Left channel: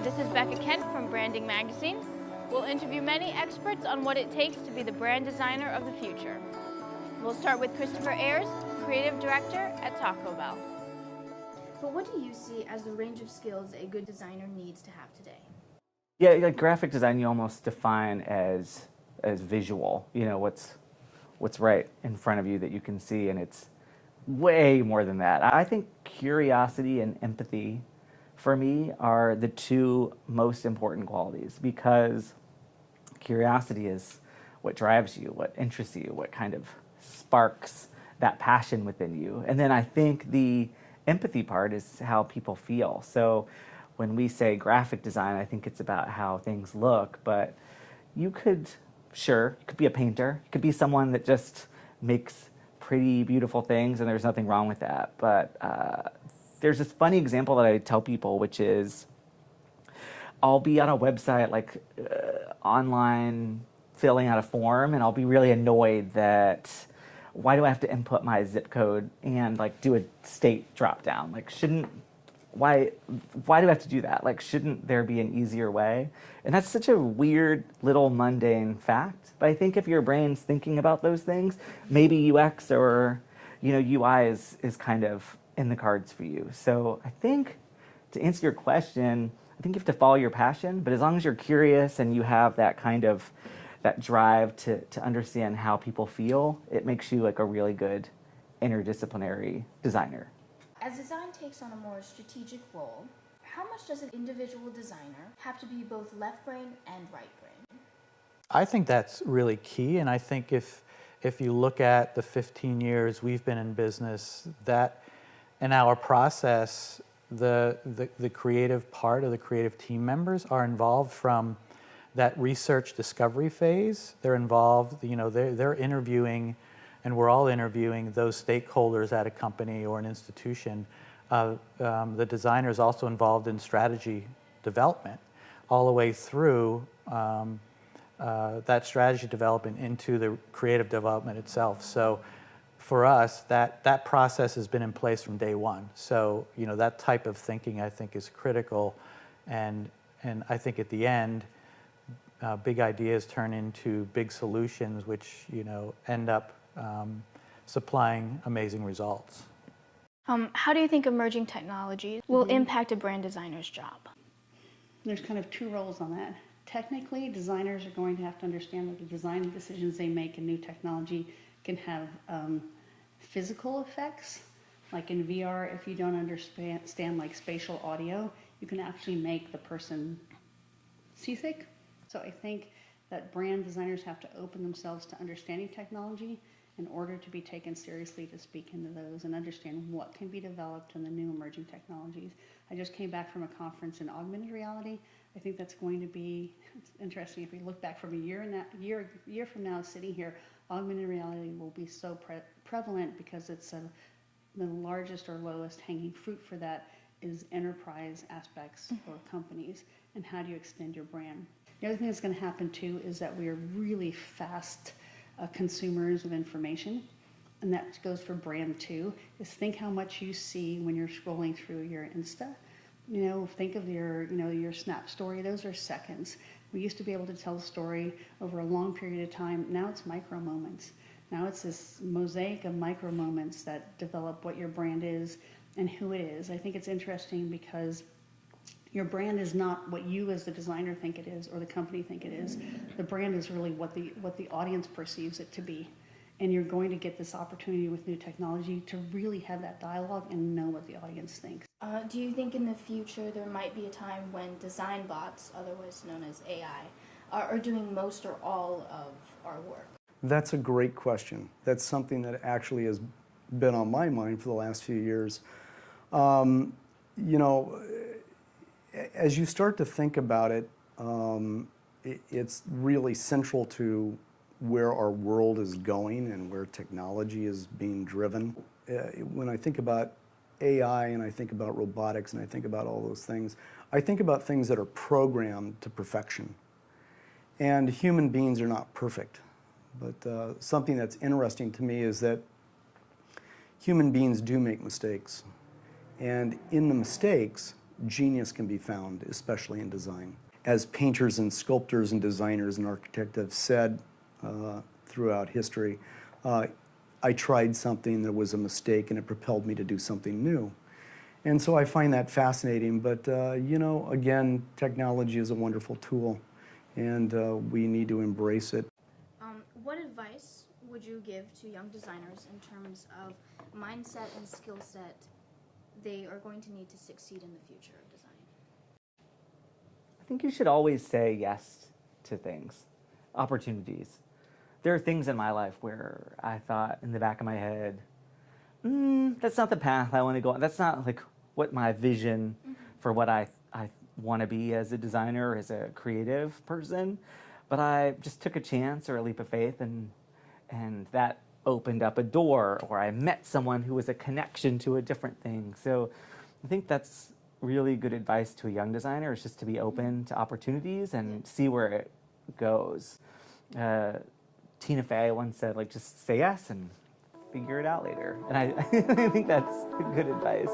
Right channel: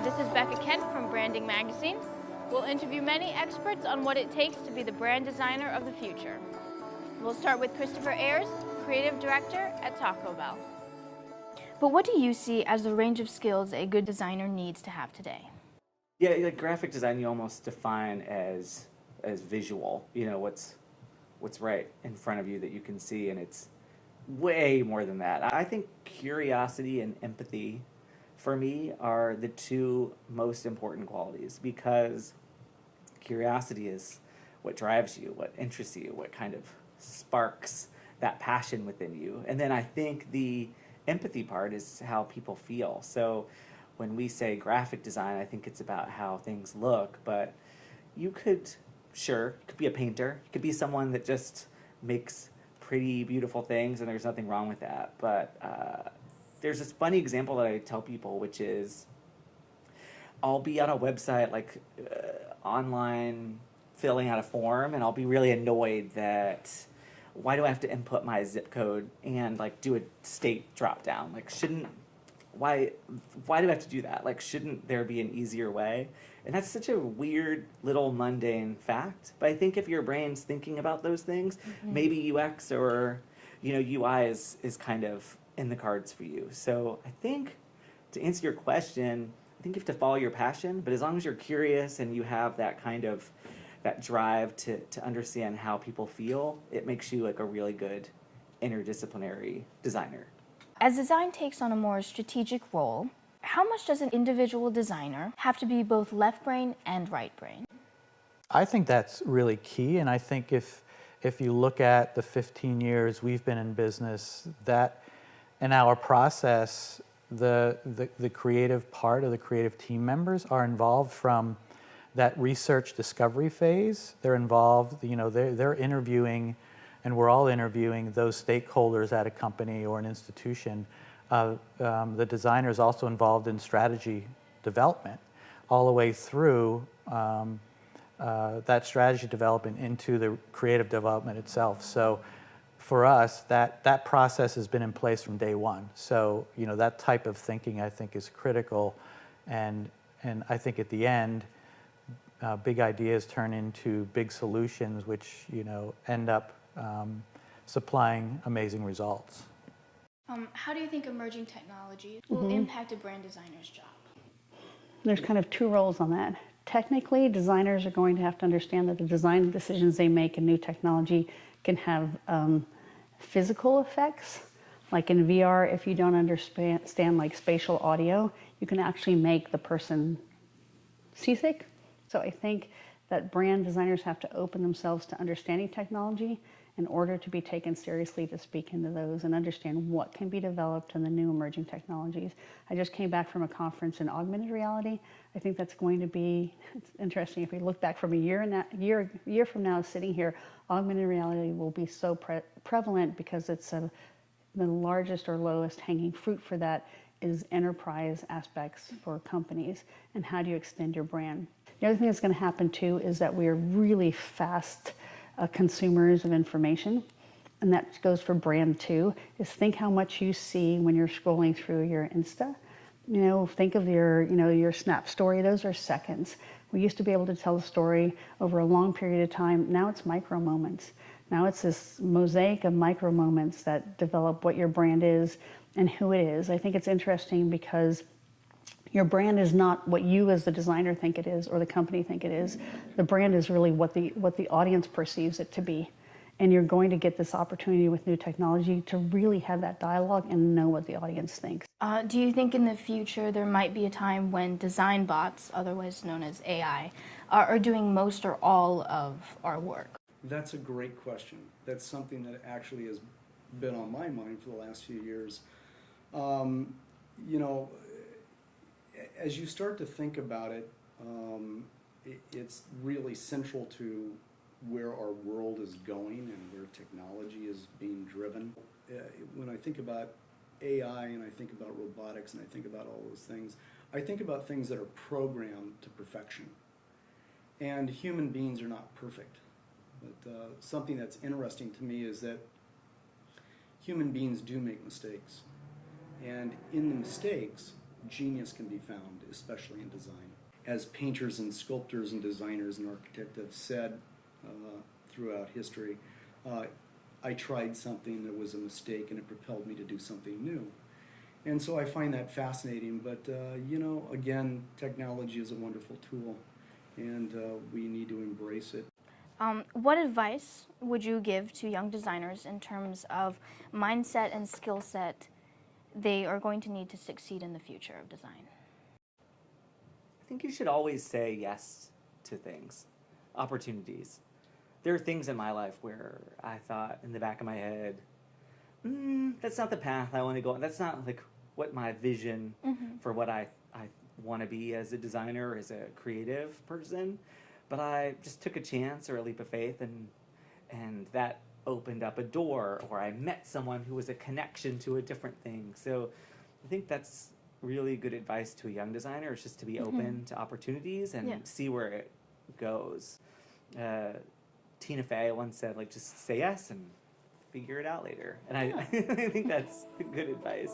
Hi, this is Becca Kent from Branding Magazine. We'll interview many experts on what it takes to be the brand designer of the future. We'll start with Christopher Ayres, Creative Director at Taco Bell. But what do you see as the range of skills a good designer needs to have today? Yeah, like graphic design, you almost define as visual. You know, what's right in front of you that you can see, and it's way more than that. I think curiosity and empathy, for me, are the two most important qualities, because curiosity is what drives you, what interests you, what kind of sparks that passion within you. And then I think the empathy part is how people feel. So when we say graphic design, I think it's about how things look, but you could be a painter, you could be someone that just makes pretty beautiful things, and there's nothing wrong with that. But there's this funny example that I tell people, which is I'll be on a website, like online, filling out a form, and I'll be really annoyed that why do I have to input my zip code and like do a state drop down? Like, why do I have to do that? Like, shouldn't there be an easier way? And that's such a weird little mundane fact. But I think if your brain's thinking about those things, maybe UX or UI is kind of in the cards for you. So I think to answer your question, I think you have to follow your passion, but as long as you're curious and you have that kind of that drive to understand how people feel, it makes you like a really good interdisciplinary designer. As design takes on a more strategic role, how much does an individual designer have to be both left brain and right brain? I think that's really key, and I think if you look at the 15 years we've been in business, that in our process, the creative part of the creative team members are involved from that research discovery phase. They're involved, they're interviewing, and we're all interviewing those stakeholders at a company or an institution. The designer is also involved in strategy development all the way through that strategy development into the creative development itself. So for us, that process has been in place from day one. So that type of thinking, I think, is critical, and I think at the end, big ideas turn into big solutions, which end up supplying amazing results. How do you think emerging technologies will impact a brand designer's job? There's kind of two roles on that. Technically, designers are going to have to understand that the design decisions they make in new technology can have physical effects. Like in VR, if you don't understand like spatial audio, you can actually make the person seasick. So I think that brand designers have to open themselves to understanding technology in order to be taken seriously to speak into those and understand what can be developed in the new emerging technologies. I just came back from a conference in augmented reality. I think that's going to be, it's interesting, if we look back from a year from now sitting here, augmented reality will be so prevalent because it's the largest or lowest hanging fruit for that is enterprise aspects for companies, and how do you extend your brand. The other thing that's going to happen too is that we are really fast consumers of information, and that goes for brand too, is think how much you see when you're scrolling through your Insta. Think of your Snap story, those are seconds. We used to be able to tell a story over a long period of time. Now it's micro moments. Now it's this mosaic of micro moments that develop what your brand is and who it is. I think it's interesting because your brand is not what you as the designer think it is or the company think it is. The brand is really what the audience perceives it to be. And you're going to get this opportunity with new technology to really have that dialogue and know what the audience thinks. Do you think in the future there might be a time when design bots, otherwise known as AI, are doing most or all of our work? That's a great question. That's something that actually has been on my mind for the last few years. As you start to think about it, it's really central to where our world is going and where technology is being driven. When I think about AI and I think about robotics and I think about all those things, I think about things that are programmed to perfection. And human beings are not perfect. But something that's interesting to me is that human beings do make mistakes. And in the mistakes, genius can be found, especially in design. As painters and sculptors and designers and architects have said throughout history, I tried something that was a mistake and it propelled me to do something new. And so I find that fascinating, but you know, again, technology is a wonderful tool and we need to embrace it. What advice would you give to young designers in terms of mindset and skill set they are going to need to succeed in the future of design? I think you should always say yes to things, opportunities. There are things in my life where I thought in the back of my head, that's not the path I want to go on. That's not like what my vision for what I want to be as a designer, as a creative person. But I just took a chance or a leap of faith, and that opened up a door, or I met someone who was a connection to a different thing. So I think that's really good advice to a young designer, is just to be open to opportunities and see where it goes. Tina Fey once said, like, just say yes and figure it out later. And I think that's good advice.